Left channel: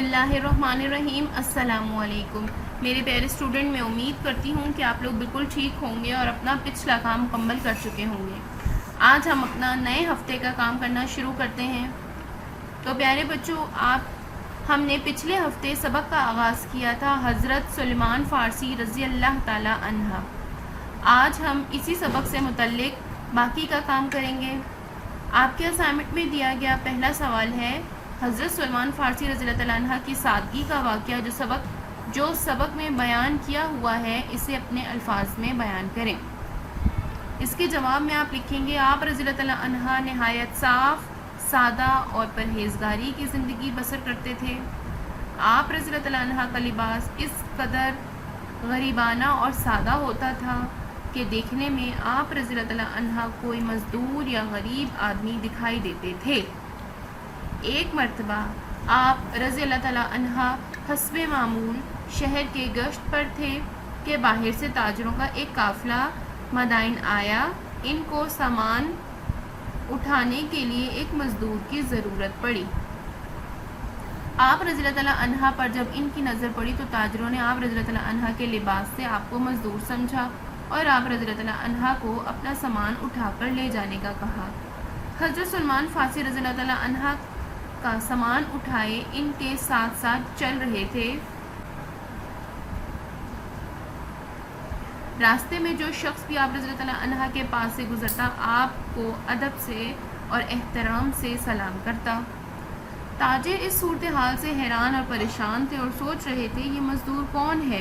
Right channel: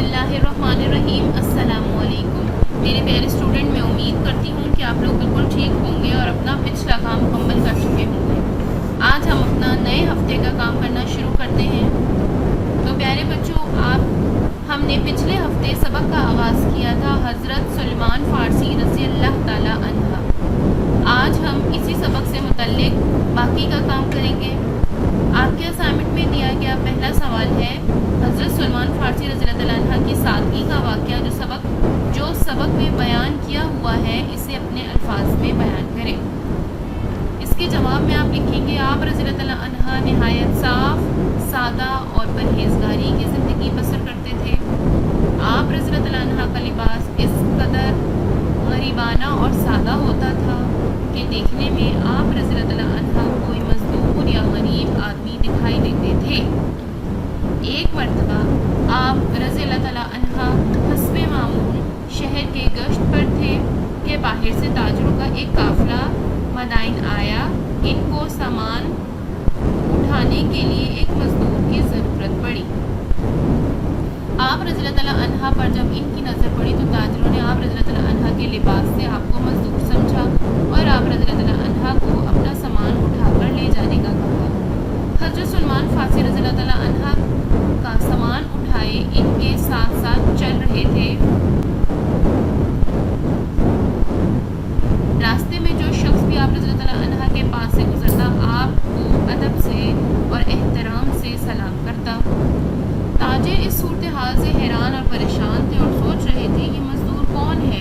बिस्मिल्लाहिर्रहमानिर्रहीम। अस्सलाम वालेकुम मेरे प्यारे स्टूडेंट, मैं उम्मीद करती हूँ कि आप लोग बिल्कुल ठीक होंगे और अपना पिछला काम मुकम्मल कर चुके होंगे। आज हम अपना नए हफ्ते का काम करना शुरू करते हैं। तो प्यारे बच्चों, हमने पिछले हफ्ते सबक का आगाज़ किया था हज़रत सुलेमान फ़ारसी रज़ी अल्लाह ताला अन्हा। आज हम इसी सबक से मुतल्लिक बाकी का काम करेंगे। आपके असाइनमेंट में दिया गया पहला सवाल है, हज़रत सुलेमान फ़ारसी रज़ी अल्लाह ताला अन्हा की सादगी का वाक़या जो सबक में बयान किया हुआ है, इसे अपने अल्फाज में बयान करें। इसके जवाब में आप लिखेंगे, आप रज़ी अल्लाह ताला अन्हा नहायत साफ़, सादा और परहेज़गारी की ज़िंदगी बसर करते थे। आप रज़ी अल्लाह ताला अन्हा का लिबास इस कदर गरीबाना और सादा होता था कि देखने में आप रज़ी अल्लाह ताला अन्हा कोई मज़दूर या गरीब आदमी दिखाई देते थे। एक मरतबा आप रज़ी अल्लाह ताला अन्हा हस्बे मामूल शहर के गश्त पर थे कि बाहर से ताजरों का एक काफ़िला मदाइन आया। इनको सामान उठाने के लिए एक मज़दूर की ज़रूरत पड़ी। आप रज़ी अल्लाह ताला अन्हा पर जब इनकी नज़र पड़ी तो ताजरों ने आप रज़ी अल्लाह ताला अन्हा के लिबास से आपको मज़दूर समझा और आप रज़ी अल्लाह ताला अन्हा को अपना सामान उठाकर ले जाने का कहा। हज़रत सुलेमान फ़ारसी रज़ी अल्लाह ताला अन्हा का सामान उठाए इनके साथ साथ चल रहे थे। रास्ते में जो शख्स भी आप रज़ी अल्लाह ताला अन्हा के पास से गुजरता, आपको अदब से और एहतराम से सलाम करता। ताजिर इस सूरत हाल से हैरान और परेशान थे और सोच रहे थे ये मज़दूर कौन है।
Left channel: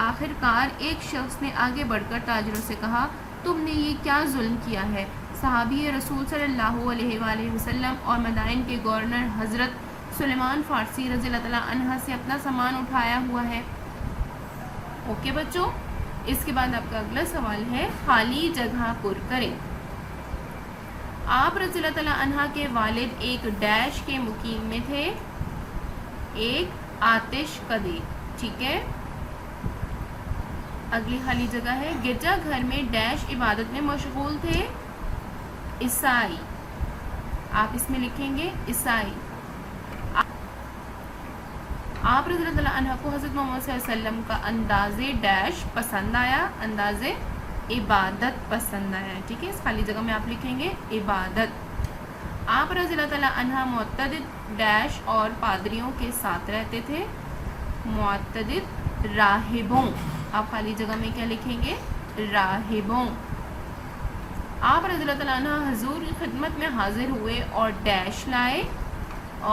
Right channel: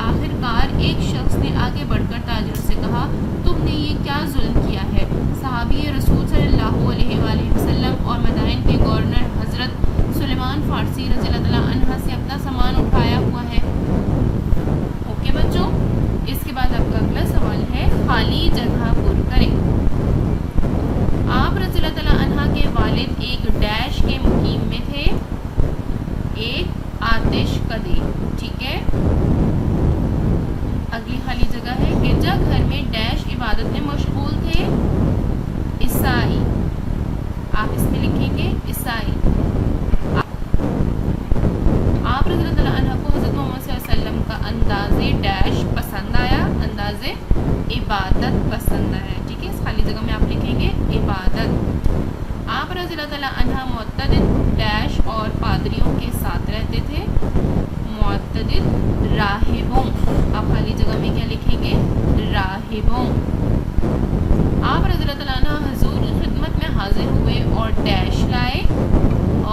आखिरकार एक शख्स ने आगे बढ़कर ताजिरों से कहा, तुमने ये क्या जुल्म किया है। सहाबी रसूल सल्लल्लाहु अलैहि वसल्लम और मदाइन के गवर्नर हज़रत सुलेमान फ़ारसी रज़ी अल्लाह ताला अन्हा से अपना सामान उठाया हुआ है। ओके बच्चों, इसके बाद आपका अगला सवाल है, खाली जगह पुर करें। आप रज़ी अल्लाह ताला अन्हा के वालिद एक डैश के मुकीम में थे, एक आतिश कदे। ठीक है, अगली खाली जगह है, गिरजा घर में डैश इबादत में मशगूल थे, ईसाई। आप इसमें लिखेंगे ईसाई। आप रज़ी अल्लाह ताला अन्हा को हज़रत मोहम्मद सल्लल्लाहु अलैहि वसल्लम का अंदाज़े डैश पसंद आया, अंदाज़े इबादत पसंद आया। ठीक है, इस खाली जगह में आप लिखेंगे इबादत। आप रज़ी अल्लाह ताला अन्हा मुअत्तदिद डैश और पादरियों के साथ रहते थे, मुअत्तदिद राहिबों। आप खाली जगह में क्या लिखेंगे, राहिबों। आप रज़ी अल्लाह ताला अन्हा हुज़ूर की खिदमत में हाजिर हुए और डैश लाए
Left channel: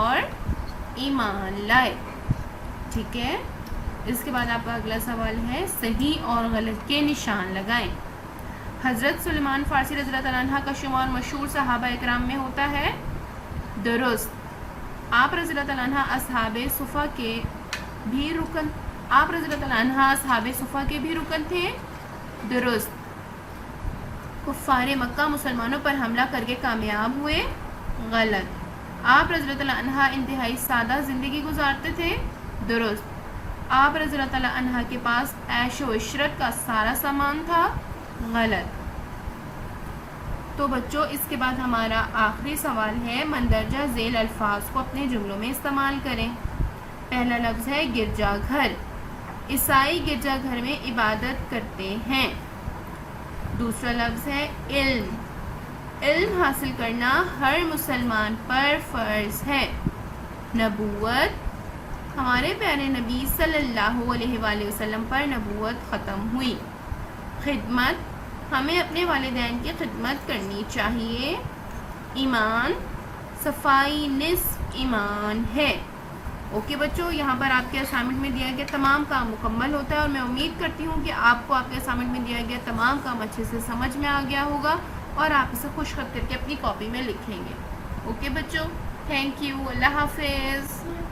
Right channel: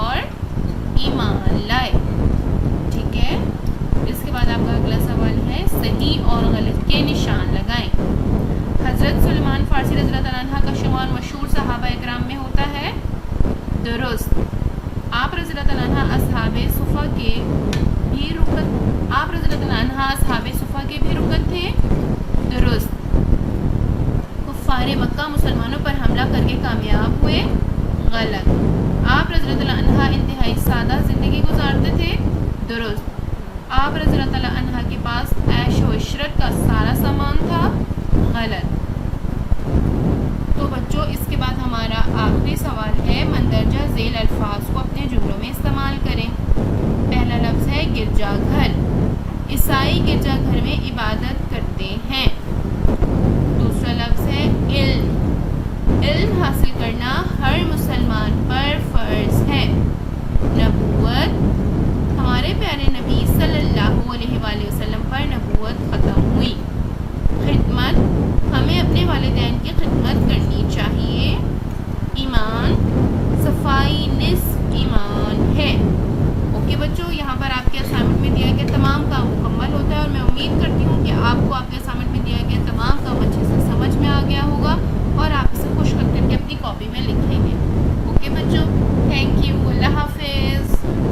और ईमान लाए। ठीक है, इसके बाद आपका अगला सवाल है, सही और गलत के निशान लगाएं। हज़रत सुलेमान फ़ारसी रज़ी अल्लाह ताला अन्हा का शुमार मशहूर सहाबा इकराम में होता है, दुरुस्त। आप रज़ी अल्लाह ताला अन्हा असहाबे सुफ़ा के भी रुकन थे, दुरुस्त। कुफ़ारे मक्का मुसलमानों पर हमला करके कामयाब हुए, गलत। आप रज़ी अल्लाह ताला अन्हा इंतहाई सादा ज़िंदगी गुजारते थे, दुरुस्त। आप रज़ी अल्लाह ताला अन्हा के पास ऐश व इशरत का सारा सामान था, गलत। तो बच्चों, इसके बाद हमारा आखिरी सवाल है, मंदरजा झेल अल्फाज को अपने जुमलों में इस्तेमाल करें। पहला लफ्ज़ है गिरजाघर। ईसाई गिरजाघर में इबादत करते हैं। दूसरा लफ्ज़ है इल्म। इल्म हासिल करना हर मुसलमान पर फ़र्ज़ है। नबूवत, हमारे प्यारे नबी सल्लल्लाहु अलैहि वसल्लम पर नबूवत ख़त्म हुई। खिदमत, हमें अपने वालिदैन की खिदमत करनी चाहिए। ईमान, सफाई निस्फ ईमान है। ओके बच्चों, यहाँ पर आपके असाइनमेंट में दिया गया तमाम काम मुकम्मल होता है और मैं उम्मीद करती हूँ कि आपको आपके असाइनमेंट में दिया गया तमाम काम अच्छे से समझ में आ गया होगा और आप इसे खुश करके अपनी कॉपी में लिखेंगे। ओके बच्चों, थैंक यू, अल्लाह हाफिज़।